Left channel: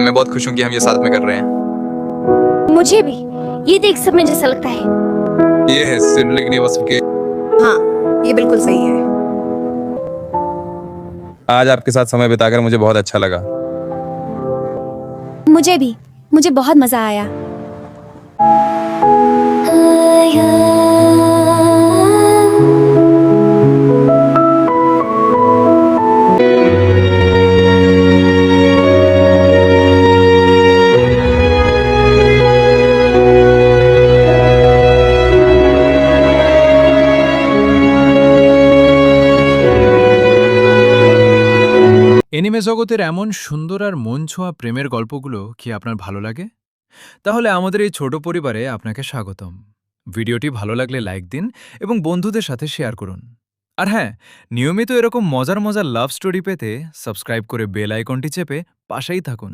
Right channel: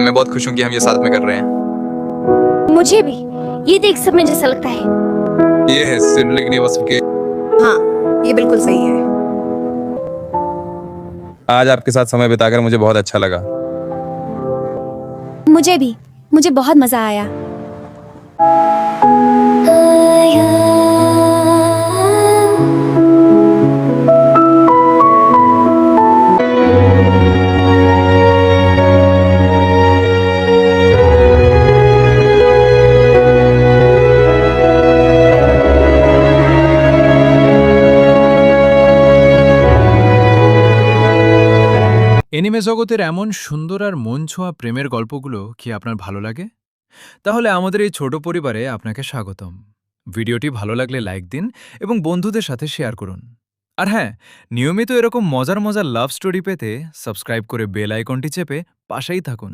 मैं बहुत खुश हूँ कि हम ये साथ में कर रहे हैं। मुझे भी ये देख सब में जैसा लगता है। ये है सिबलिंग के। हाँ, ये बिल्कुल सही है। आज आपके साथ समय बिताकर मुझे बहुत अच्छा लगा। मुझे भी, मुझे बहुत मजा आया। এনিমে জগতের এমন সুন্দর আর মন ছোঁয়া প্রেমের গল্পগুলো কি আপনার ভালো লাগে? তাহলে আমাদের এই ছোট পরিবারে আপনাকে স্বাগতম। ভিডিওটি ভালো লাগলে লাইক দিন এবং বন্ধুদের সাথে শেয়ার করুন। আর হ্যাঁ, নিয়মিত এরকম মজার মজার লাভ স্টোরি পেতে সাবস্ক্রাইব করে বেল আইকনটি চেপে পাশেই থাকুন।